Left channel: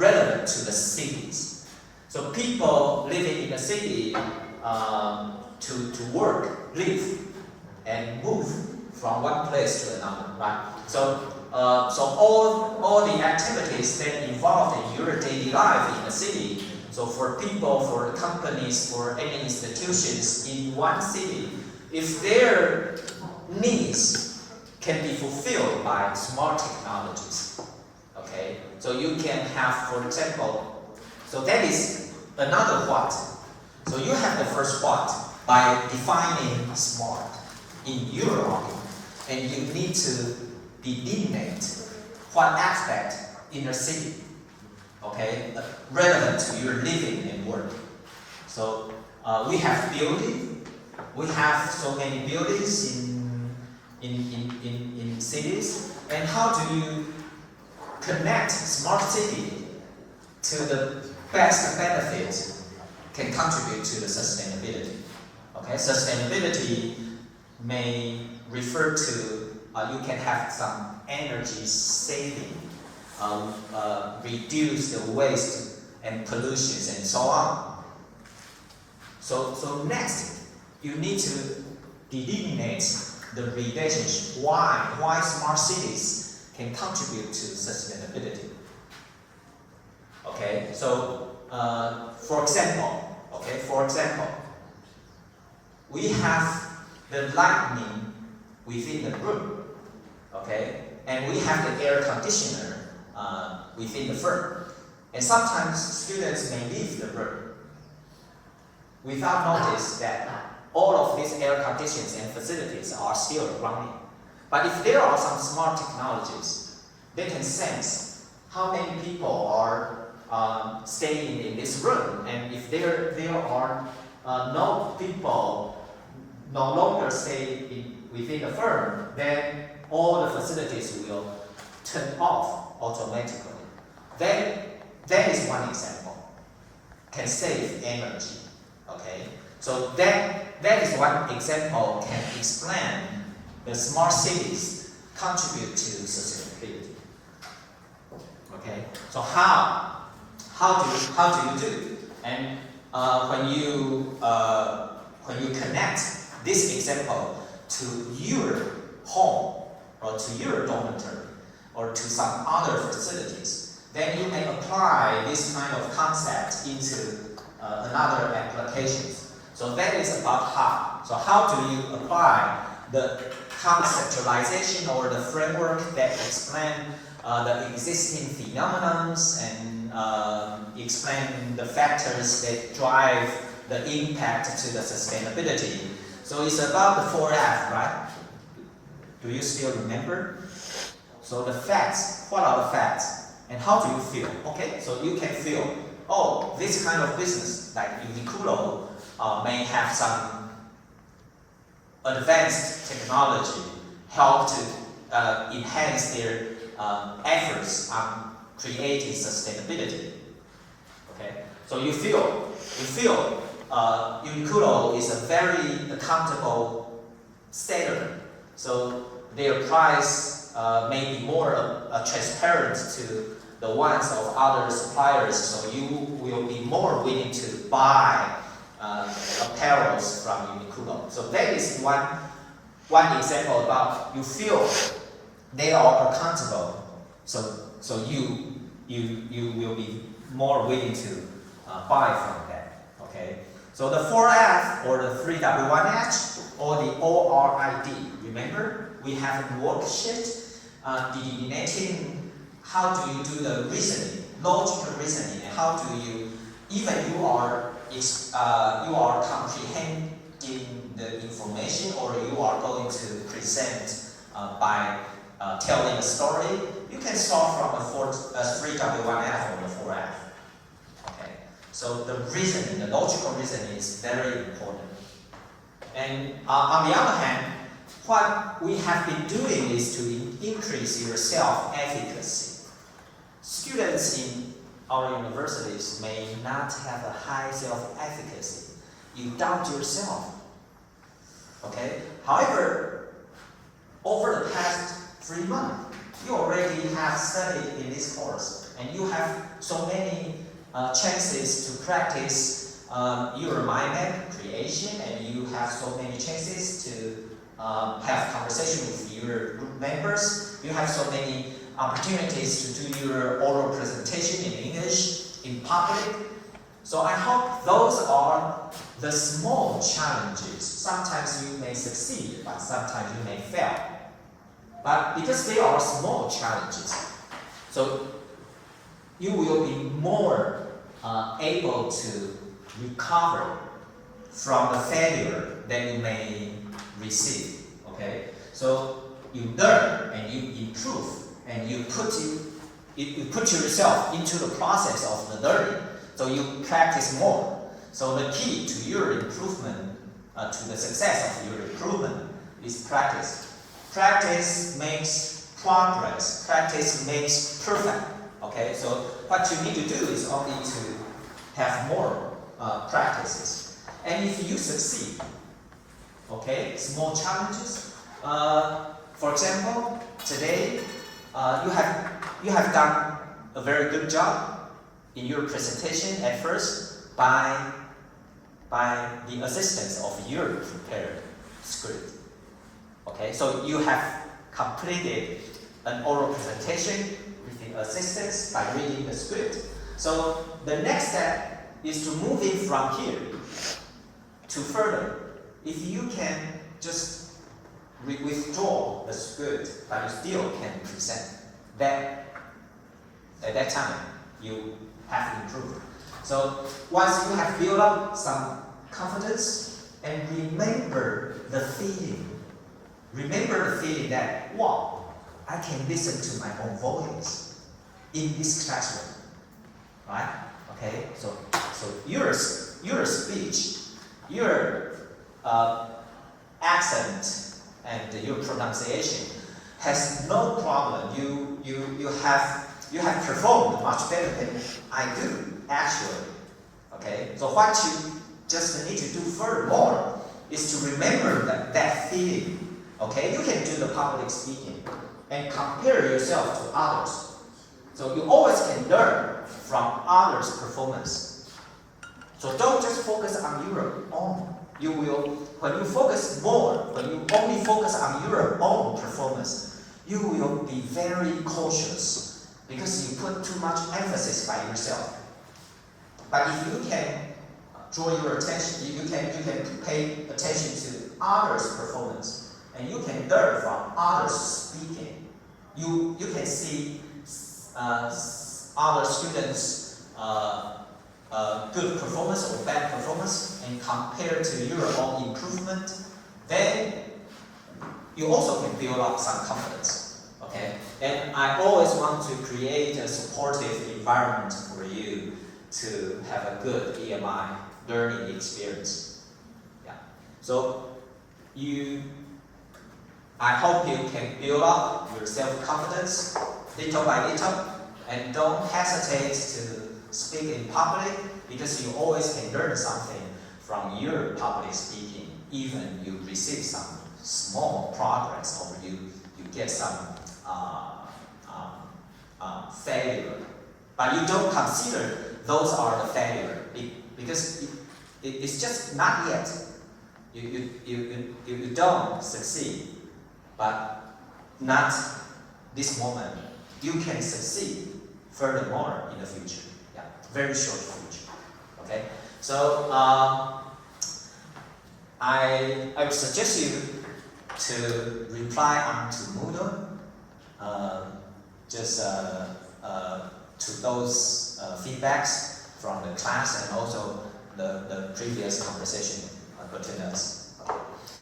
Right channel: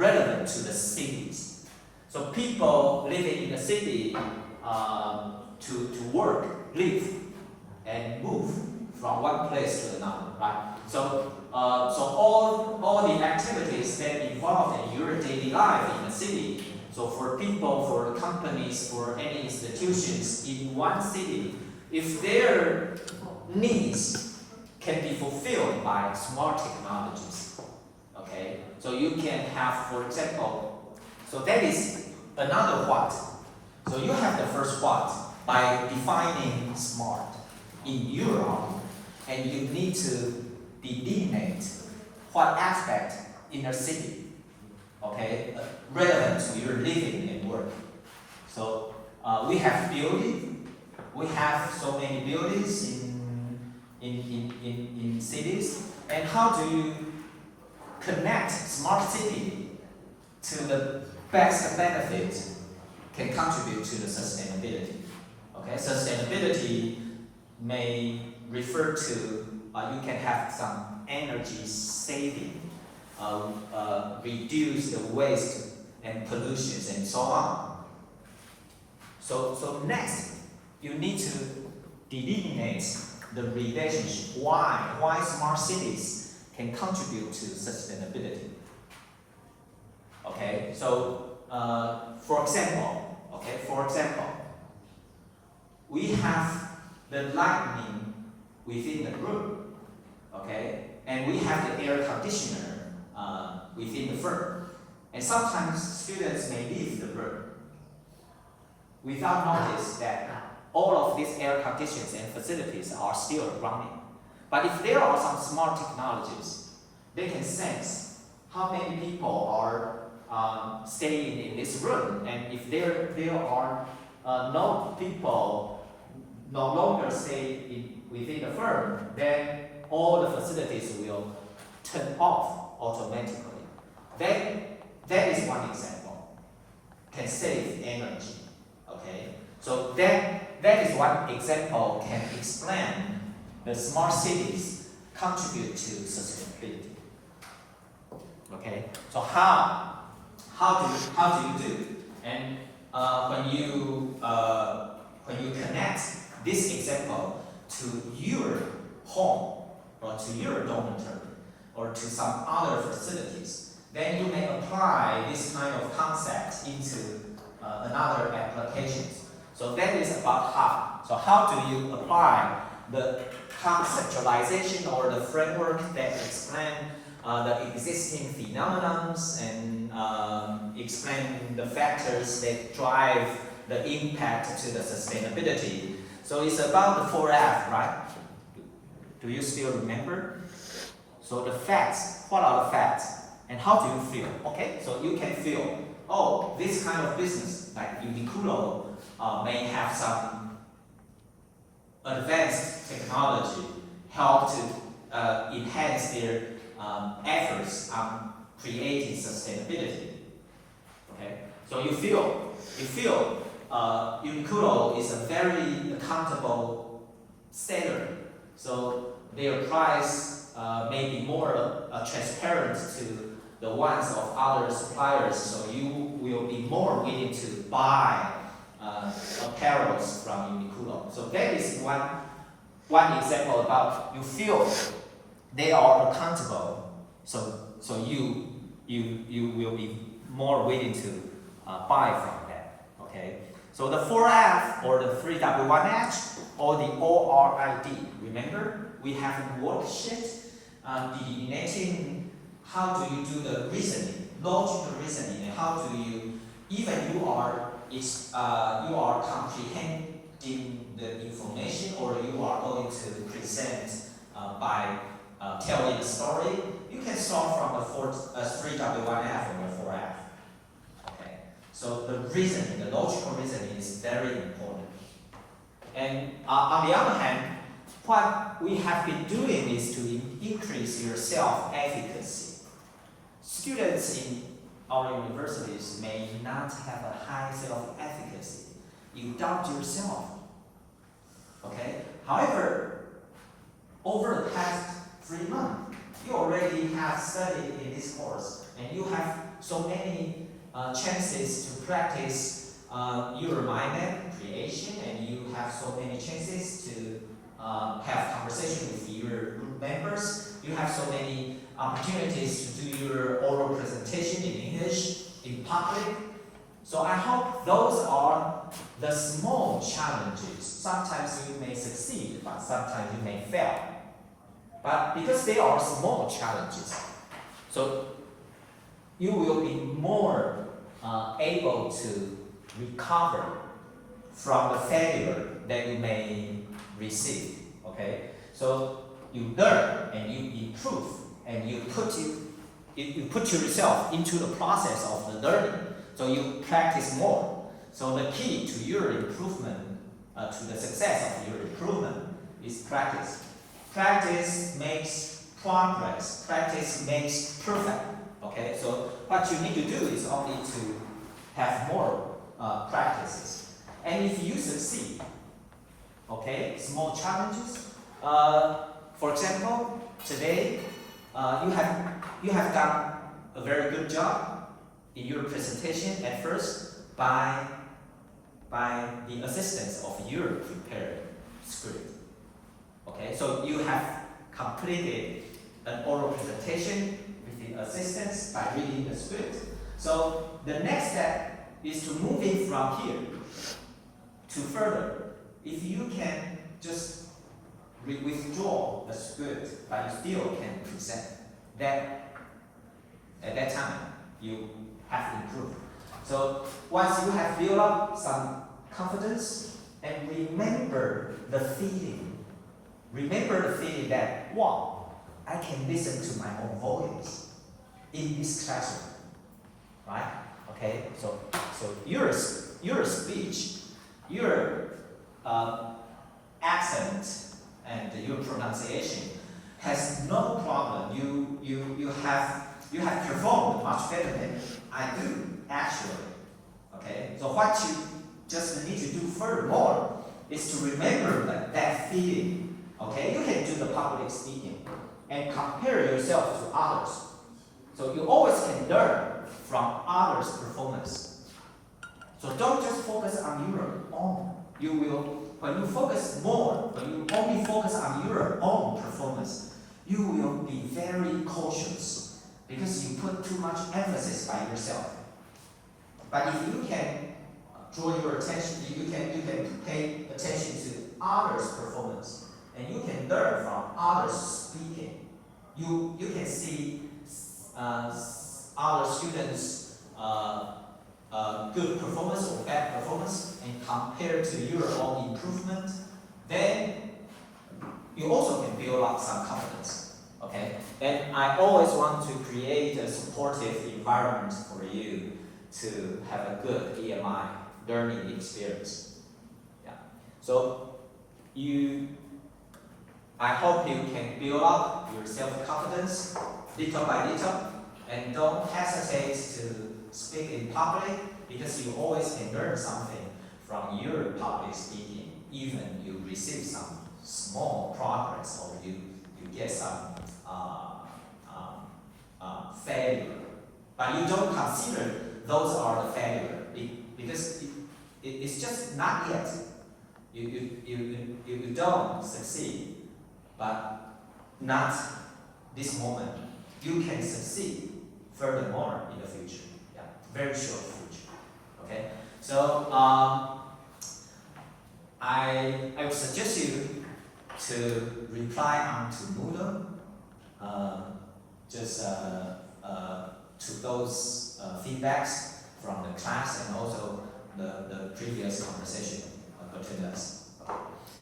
relevant to the cities. So people living in the city to work, live, and move from one place to another, right? So all the activities that involved in your daily life in the city. So for people, for companies, for any institutions in one city, if their needs can be fulfilled by smart technologies, okay? So you can have, for example, so that is another what. So you have the first what by defining smart in your mind, and you need to delineate what aspect in a city, okay, relevant to your living and work. So we have building, we have so many buildings in cities, and how do you connect smart city to the best benefit can contribute to the sustainability. Okay, sustainability may refer to you can have some energy saving, reduce the waste and pollutions and so on. So next, you need to delineate the relationship why smart cities can contribute to sustainability. Okay, so for example, we have the lighting within the room, okay, and we have the air conditioner within the firm, and sometimes students may leave the room without notice that all of these air conditions and facilities are still running. But if there are some smart technologies, they can sense how many people are staying in this room, and if there are no people no longer stay within the firm, then all the facilities will turn off automatically. Then that is one example. Can save energy. Okay, so that is one example can explain the smart cities contribute to sustainability. Okay, so how do you do? And when you connect this example to your home or to your dormitory or to some other facilities, then you may apply this kind of concept into another applications. So that is about how. So how do you apply the conceptualization or the framework that explain the existing phenomena and explain the factors that drive the impact to the sustainability. So it's about the 4F, right? Do you still remember? So the facts, what are the facts? And how do you feel? Okay, so you can feel, oh, this kind of business, like Uniqlo, may have some advanced technology help to enhance their efforts on creating sustainability. Okay, so you feel Uniqlo is a very accountable seller, so their price may be more transparent to the ones of other suppliers, so you will be more willing to buy apparels from Uniqlo. So that is one example about you feel they are accountable, so you will be more willing to buy from them. Okay. So the 4F or the 3W1H or the ORID. Remember, we have a worksheet delineating how do you do the reasoning, logical reasoning, and how do you, even you are comprehending the information or you are going to present by telling a story, you can solve from the 3W1F or the 4F. Okay. So the reasoning, the logical reasoning is very important. And on the other hand, what we have been doing is to increase your self-efficacy. Students in our universities may not have a high self-efficacy. You doubt yourself. Okay? However, over the past 3 months, you already have studied in this this course, and you have so many chances to practice your mind map creation, and you have so many chances to have conversation with your group members. You have so many opportunities to do your oral presentation in English, in public. So I hope those are the small challenges. Sometimes you may succeed, but sometimes you may fail. But because they are small challenges, so you will be more able to recover from the failure that you may receive. Okay, so you learn and you improve, and you put yourself into the process of the learning. So you practice more. So the key to your improvement, to the success of your improvement, is practice. Practice makes progress. Practice makes perfect. Okay, so what you need to do is only to have more practices. And if you succeed, okay, small challenges. For example, today you have done a very good job in your presentation at first by the assistance of your prepared script. Okay, so you have completed an oral presentation with the assistance by reading the script. So the next step is to move in from here to further. If you can just withdraw the script, but you still can present, then at that time you have improved. So once you have built up some confidence, and remember the feeling that, wow, I can listen to my own voice in this classroom, right? Okay, so your speech, your accent, and your pronunciation has no problem. You have performed much better than I do, actually. Okay, so what you just need to do furthermore is to remember that feeling. Okay, you can do the public speaking and compare yourself to others. So you always can learn from others' performance. So don't just focus on your own. You will, when you focus more, when you only focus on your own performance, you will be very cautious because you put too much emphasis by yourself. But if you can draw your attention, you can pay attention to others' performance, and you can learn from others speaking. You can see other students' good performance or bad performance and compare to your own improvement. Then you also can build up some confidence. Okay, and I always want to create a supportive environment for you to have a good EMI learning experience. Yeah. So I hope you can build up your self-confidence little by little, and don't hesitate to speak in public, because you always can learn something from your public speaking, even you receive some small progress or you get some failure. But you don't consider those are the failure, because it's just not yet. You don't succeed, but not this moment. You can succeed furthermore in the future. Yeah, very short future. Okay, so I would suggest you to reply onto Moodle, just to those feedbacks from the class and also the previous conversation between us.